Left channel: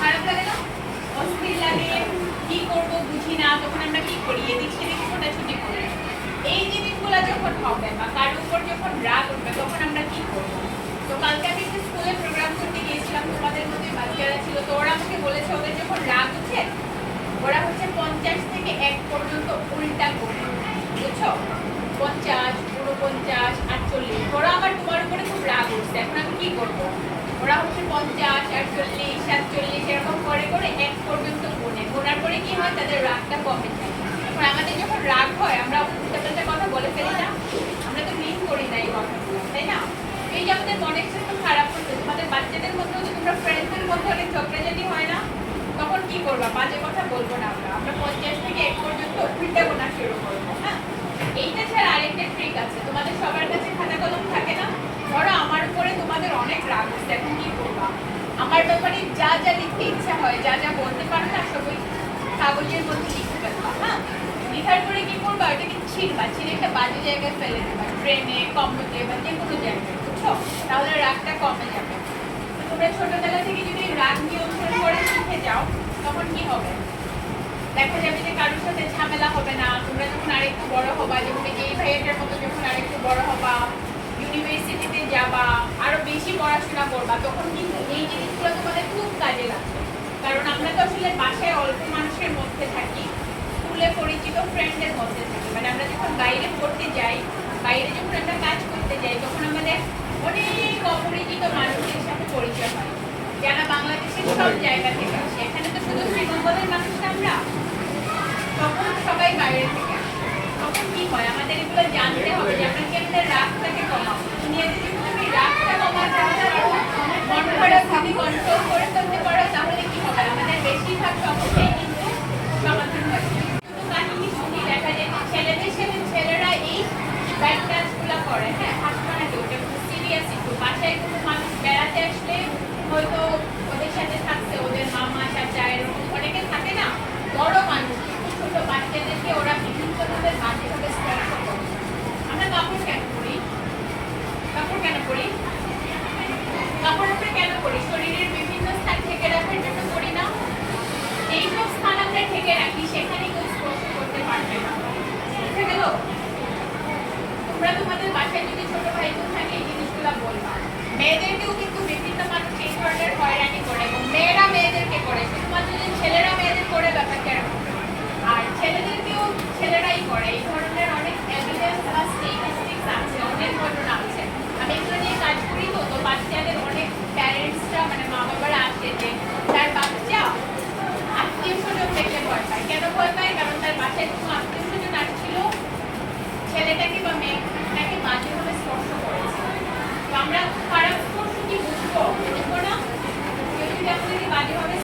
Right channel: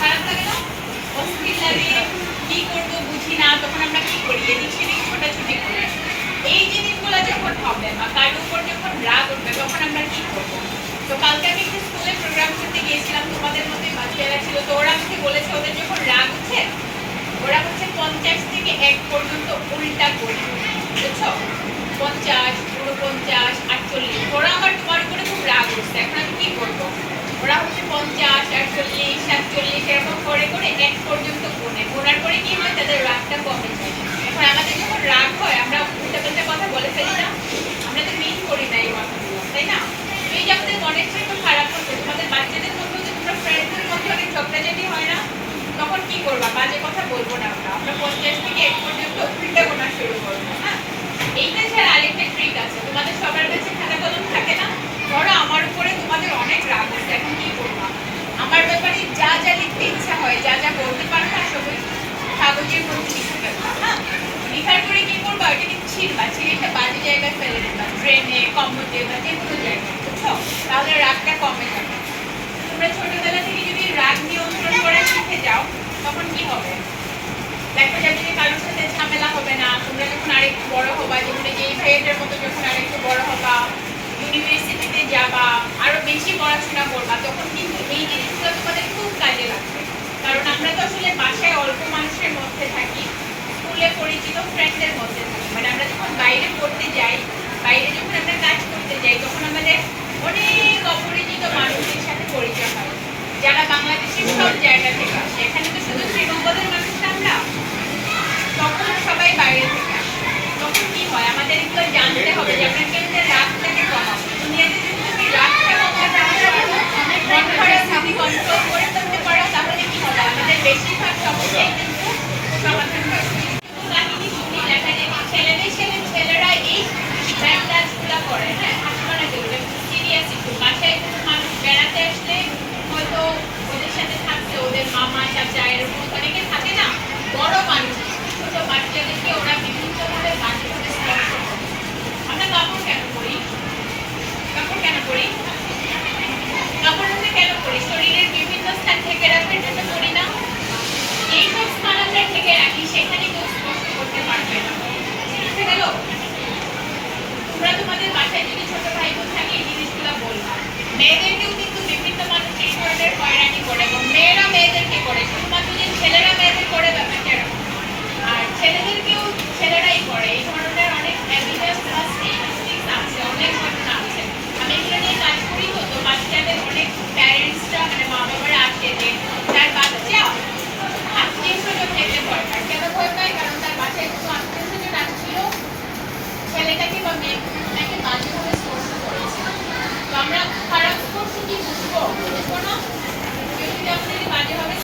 খারাপ লাগে না? অস্থির লাগে, কি করবো বুঝি না, তখন আমরা কি করি, এদিক সেদিক ছোটাছুটি করি। এই জিনিসগুলো যখন হবে বা কার উপর যখন রাগ উঠবে তখন আমরা কি করবো? তো কালকে আমি একটু স্কুলে প্রোগ্রাম করতে গিয়েছিলাম, তোমাদের মধ্যে বাচ্চারা ছিল, তো ওরা আমাকে বলেছে ওদের যখন রাগ উঠে ওরা হচ্ছে 50 থেকে 1 পর্যন্ত উল্টা করে, বুঝছো? 50, 49, 48, ওরা আমার তোমার উপরে খুব রাগ উঠছে, এখন আমি কি করবো? ওরা হচ্ছে 50, 48, 47 এরকম করে করে 1 পর্যন্ত গোনার পরে কি হয়, তাদের রাগটা কমে যায়। এখন আমাদের যখন রাগ হয় আমরা উল্টাপাল্টা কথা বলে ফেলি না, আমরা তো মিন করি না এই কথাগুলো, তাই না? তো এই যে আমাদের মনের একটু খারাপ করছে, তোমাদের বাচ্চাদের মধ্যে যে তোমরা ফ্রেন্ডদের মধ্যে অনেক ঝগড়াঝাটি হয় না, তখন কি করবা? বাজে কথা বলবো না, আমরা 50 থেকে 1 পর্যন্ত উল্টা গোনা শুরু করবো। হ্যাঁ, এইটা ছাড়া আরেকটা ট্রিক আছে। তোমাদের সবার কাছে খাতা কলম থাকে না? ধরো আমার উপরে তোমাদের অনেক রাগ হচ্ছে, এখন কি করবা? আমার ব্যাপারে যা যা লিখতে ইচ্ছা হয়, যা যা বলতে পারো না, সবই কাগজের মধ্যে লিখে ফেলবা। হ্যাঁ, লিখার পরে কি করবা? ওইটাকে ছিঁড়বা, ছিঁড়ে একটা বাজে জায়গায় ফেলে দেবা, ট্রেনে, কম্বোটে বা যে কোনো জায়গায়, বুঝছো? তাহলে রাগটা কমে যাবে। তোমরা ছোটবেলা থেকে যদি রাগ নিয়ন্ত্রণ করে শিখে যাও তখন কি হবে? দেখা যাবে যে কারোর সাথে ঝামেলা হবে না। তোমরা যখন আরেকটু বড় হবা, যেমন এই ভাইয়াটার মতো যখন আরেকটু বড় হবা, ইউনিভার্সিটিতে যাবা, আরো বেশি পড়াশোনা করবা, তখন কিন্তু এই জিনিসগুলো তোমাদের খুব কাজে লাগবে। কারণ আমরা তো আসলে বাসায় অল্প মানুষের মধ্যে থাকি, স্কুলে পরিচিত ফ্রেন্ডদের মধ্যে থাকি, মানে আমরা যখন বাইরে পড়তে যাই, বাইরে যখন আমরা কাজ করতে যাই, তখন আমাদের অনেক অপরিচিত মানুষদের সাথে পরিচয় হয়, যারা বাংলাদেশের সব জায়গা থেকে আসে। এখানে তো শুধু শ্রীমঙ্গলের মানুষ না আমরা, তখন সবাই বাইরে থেকে আসে। তখন কি হয়, আমাদের এগুলো জানতে হবে যে আমরা কেমনে রাগটাকে কমাবো। দুনিয়াতে যদি তুমি রাগটা কমাতে পারো, মন খারাপ যদি কন্ট্রোল করে ফেলতে পারো, তাহলে কি হবে? আমাদের বেশিরভাগ সমস্যাই কিন্তু সমাধান হয়। কাহিনী শুনি, দেখা যায় ছেলেরা এই ব্যাড টাচগুলো করে। হ্যাঁ, হাসবে না কেউ, সিরিয়াস একটু। বাসায় কোনো মানুষ বেড়াতে আসলে হয়তো ওদের সাথে থাকছে ওদের মামা চাচা এরকম অনেকে থাকে না, বড় মানুষ ছোট বাচ্চাদেরকে ওরা বিভিন্নভাবে বাজেভাবে স্পর্শ করে। আমরা কাপড় কেন করি? কাপড় হাতে কেন করি? শরীরের বিভিন্ন স্থান ঢেকে রাখতে জন্য করি না? এইসব স্থান আমরা ঢেকে রাখি, সেখানে কেউ স্পর্শ করতে পারবে না। বুঝতে গেল? তোমরা তোমাদের বাসায় যদি ছোট ভাই বোন থাকে এই জিনিসগুলো বলবা। মেয়েদেরকেও কিন্তু বিভিন্ন মানুষ এই ধরনের হয়রানি করে, এবং মেয়েরা মেয়েদেরকে করে, শুধুমাত্র যে ছেলেরা মেয়েদের করে ব্যাপারটা এরকম। আর ছেলেদেরকেও ছেলেরাই করে। এই ধরনের অনেক এভিডেন্স বা স্ট্যাটিস্টিক্স আছে, অনেক ঘটনা আছে। আমি এগুলো নিয়ে কাজ করি, তো বাচ্চাদের অনেক প্যারেন্টসরা মানে মা বাবারা আসে যে তার বাচ্চা আত্মীয় স্বজন দেখতে ভয় পায়। কেন ভয় পায়? কারণ তার বাসায় কোনো আত্মীয় স্বজন আসছিল, ছেলেটাকে বা মেয়েটাকে বাজেভাবে স্পর্শ করেছে। তো আমরা খারাপ স্পর্শ কি বুঝবো না? কেউ যদি আমাদেরকে বাজেভাবে